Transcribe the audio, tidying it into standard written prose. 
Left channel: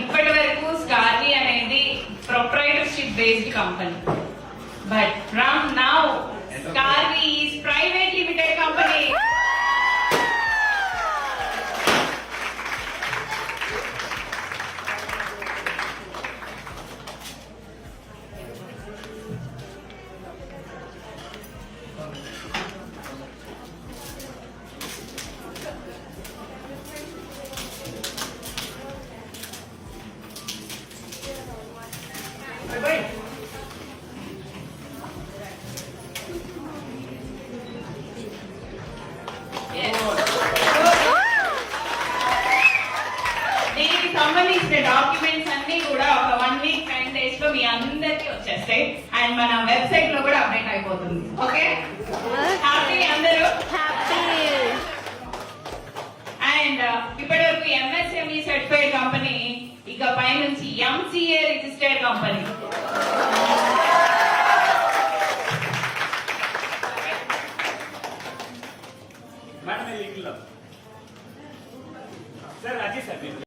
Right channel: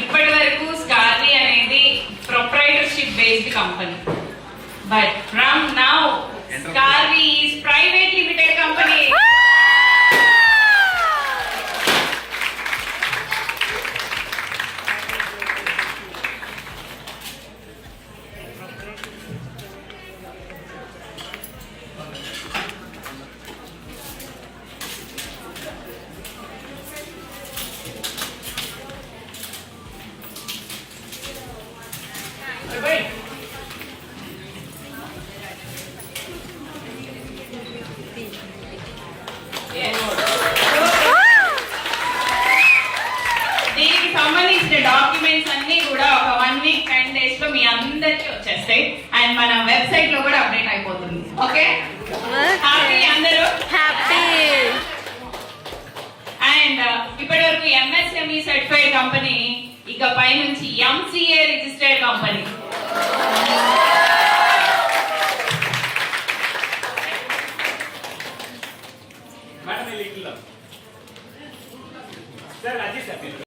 ఇప్పటి వరకు స్టార్లీ అనేది proprietorship based company, but from now Starly is private limited company. దీనికి సంబంధించిన డాక్యుమెంట్స్ అన్ని కూడా ఒక 1 వీక్ 10 డేస్ లో మీ అందరికి వచ్చేస్తాయి అండ్ మన వెబ్సైట్ లో కూడా అప్డేట్ అయిపోతుంది. ఓకే, హ్యాపీ అందరూ? హ్యాపీ. అండ్ ఇప్పటి వరకు ఎంఎస్ఎంఈ సర్టిఫైడ్ కంపెనీ, ఇక పై నుంచి ఎంసీఏ రిజిస్టర్డ్ కంపెనీ. మేడం ఇది సర్ అజయ్ సార్